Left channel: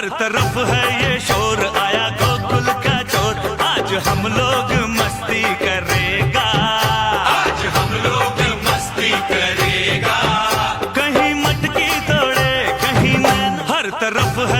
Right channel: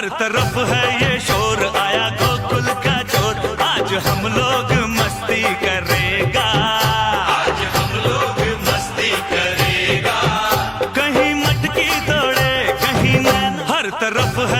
हर तरफ़ है ये शोर, आया गोकुल का चोर आज हम लोग मस्ती करेगा। आज हम लोग मस्ती करेगा। कहीं मटकी तोड़े, कहीं नैन। हर तरफ़ है